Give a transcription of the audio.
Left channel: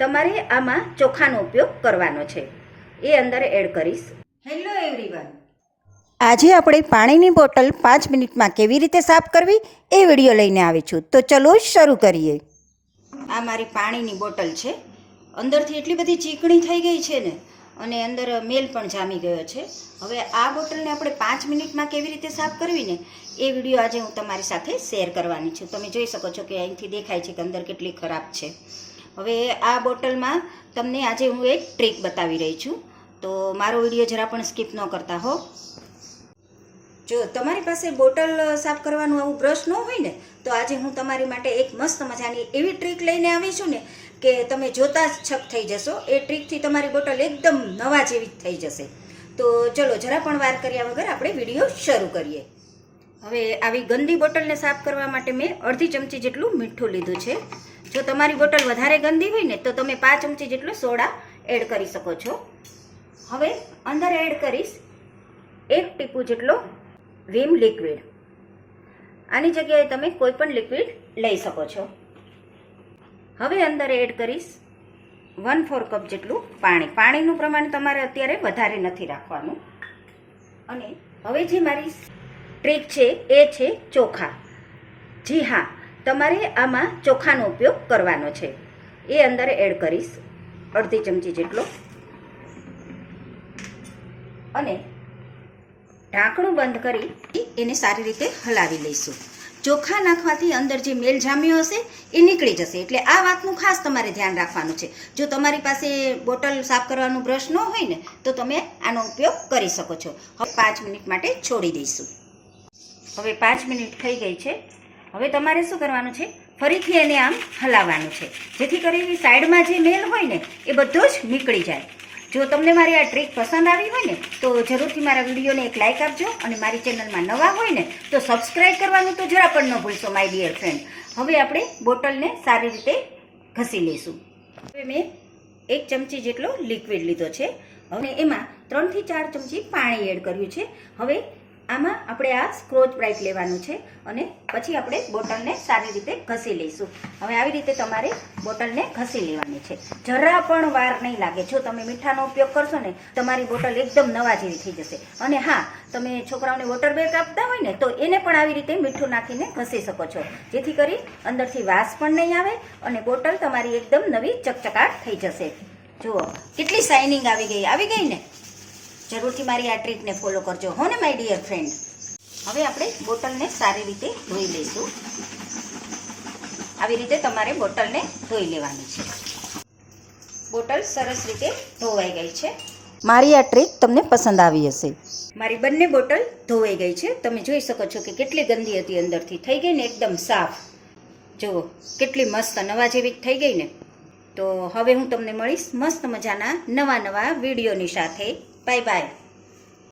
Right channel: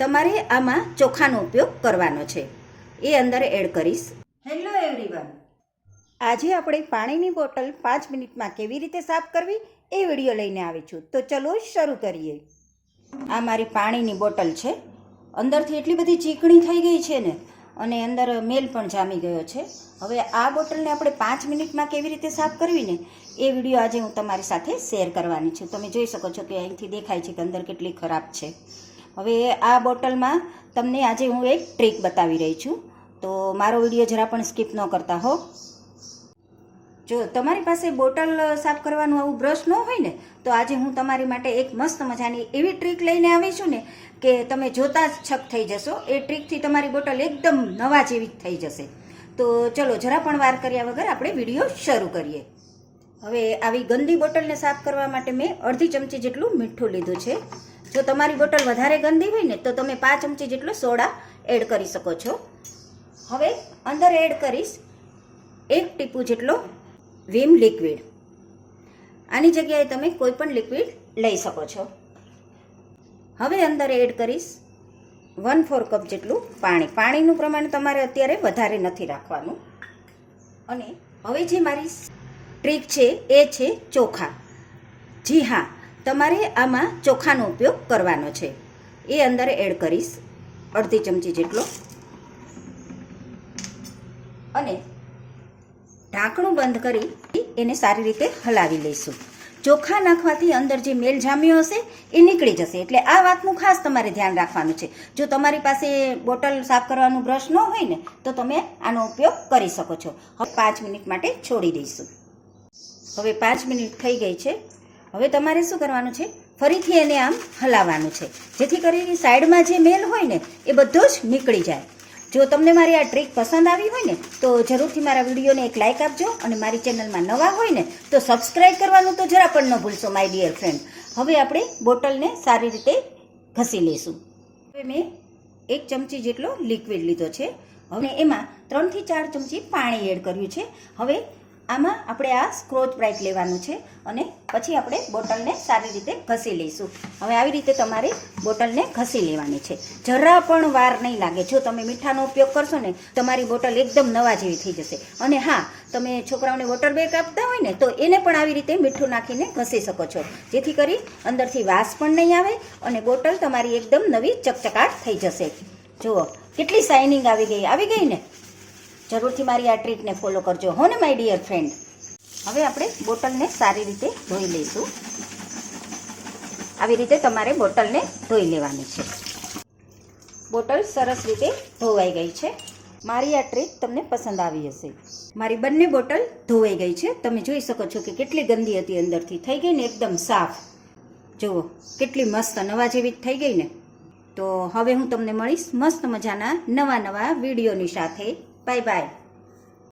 તમારે આમાં ચોખાનો ઉપયોગ કરવાનો છે, એ અંદર એડ કરીશ. હેલો એવરીવન, આજે આપણે પાણીની બોટલ 5 મિનિટમાં કેવી રીતે સાફ કરવી એ વિડીયો લઈને આવી છું. તો ચલો શરૂ કરીએ. આ મારી પાણીની બોટલ છે. અંદરથી એટલી બધી ચીકણી થઈ ગઈ છે ને, અને અંદર મેલ પણ જામી ગયો છે. હવે આ બોટલને આપણે 5 મિનિટમાં કેવી રીતે સાફ કરવી ને એ વિડીયો આજે હું તમારી સાથે શેર કરવાની છું. તમે જોઈ શકો છો કે અહીંથી દેખાય છે કે અંદર કેટલી ખરાબ છે. હવે આ બોટલમાં તમને આજે હું એક ટ્રીક બતાવી રહી છું, તો મારો વિડીયો જરા પણ સ્કીપ ન કરતા હો. જો તમારી પાસે બોટલ સાફ કરવાનું આવું બ્રશ ન હોય ને, તો આજે હું તમારી માટે એક મસ્ત મજાની એવી ટ્રીક લઈને આવી છું ને કે તમે જોતા જ છક થઈ જશો. એ ટ્રીકથી તમારી બોટલ એકદમ નવા જેવી થઈ જશે. તો ચલો જરા પણ વાર કર્યા વગર આપણે વિડીયો શરૂ કરીએ. હવે આવી ગંદી બોટલને સાફ કરવા માટે મેં અડધી ચમચી જેટલું મીઠું લીધું છે. જો તમારી બોટલ વધારે ગંદી હોય ને તો તમે 5 ચમચી જેટલો સોડા એડ કરી શકો છો. હવે અંદર એડ કરીશ 1 ટીપું જેટલો વિમ લિક્વિડ. આની જગ્યાએ તમે કોઈ પણ લિક્વિડ લઈ શકો છો. હવે અંદર એડ કરીશ 1/4 કપ જેટલું પાણી. પાણીનું પ્રમાણ તમારે અત્યારે વધારે નથી રાખવાનું. અને હવે જે મારી ટ્રીક છે એ છે ચોખા. જી હા, તમારે આમાં ચોખાનો ઉપયોગ કરવાનો છે. એ અંદર એડ કરીશ અડધી ચમચી જેટલો, અને ઢાંકણું બંધ કરી એને સારી રીતે હલાવી લઈશું. ચોખા નાખવાથી અંદર જે મેલ જામ્યો હશે એ નીકળી જશે, એટલે આ વાતનું ખાસ તમારે ધ્યાન રાખવાનું છે. જો તમારી પાસે બોટલ સાફ કરવાનું બ્રશ ન હોય ને તો તમે આનો ઉપયોગ કરી શકો છો. હવે 5 મિનિટ માટે છોડી દઈશું. હવે 5 મિનિટ થઈ ગઈ છે. હવે તમારે શું કરવાનું છે, ફરીથી એને આમ હલાવવાનું છે, જેથી કરીને સાઈડમાં જે મેલ હોય ને એ બધો જ નીકળી જાય. જો તમને મારી આ ટ્રીક પસંદ આવી હોય ને તો જરૂરથી મારા વિડીયોને એક લાઇક આપજો, અને મારી ચેનલમાં નવા હોય ને તો સબસ્ક્રાઈબ કરવાનું તો જરા પણ ન ભૂલશો માય ડિયર ફ્રેન્ડ. હવે આપણે બોટલને સારી રીતે ઘસી લઈશું. હવે મેં 1 ચમચી જેટલો લિક્વિડ લીધો છે, હવે એમાં 3 થી 4 ચમચી પાણી એડ કર્યું છે. હવે આમાં આપણે આ સ્ક્રોચ બ્રાઇટ લેવાનું છે, અને પછી આપણે બોટલને સારી રીતે ઘસી લઈશું. હવે આવી રીતે તમારે બોટલને ઘસી લેવાની છે, જરા પણ વાર નહીં લાગે. જો તમે મીઠાનો ઉપયોગ કરશો ને તમારી બોટલ એકદમ નવા જેવી થઈ જશે. અને હા, તમે છોકરાઓને વોટર બેગ આપતા હોય ને તો એને પણ આવી રીતે મીઠું નાખીને ઘસી શકો છો, જેથી કરી અંદરથી વાસ પણ નહીં આવે અને બોટલ તમારી એકદમ નવી ચકચકાટ થઈ જશે. જુઓ કેટલી શાઇનિંગ આવી ગઈ ને. જરૂરથી મારી આ ટ્રીકને ફોલો કરજો હો ને માય ડિયર ફ્રેન્ડ. હવે આપણે બોટલને સારી રીતે ધોઈ લઈશું. આવી રીતે તમારે બોટલને ધોઈ લેવાની છે. બોટલ સરસ રીતે ધોવાઈ ગઈ છે. મારી આ ટ્રીક તમને પસંદ આવી હશે. મારી બંને બોટલ ધોવાઈ ગઈ છે. તમે જોઈ શકો છો કે કેટલી ગંદી હતી, અંદરથી થઈ ગઈ ને એકદમ સાફ. જુઓ કેટલી મસ્ત નવા જેવી થઈ ગઈ ને. તો હવે હું તમને મળીશ મસ્ત મજાના નવા વિડીયોની સાથે. Bye bye.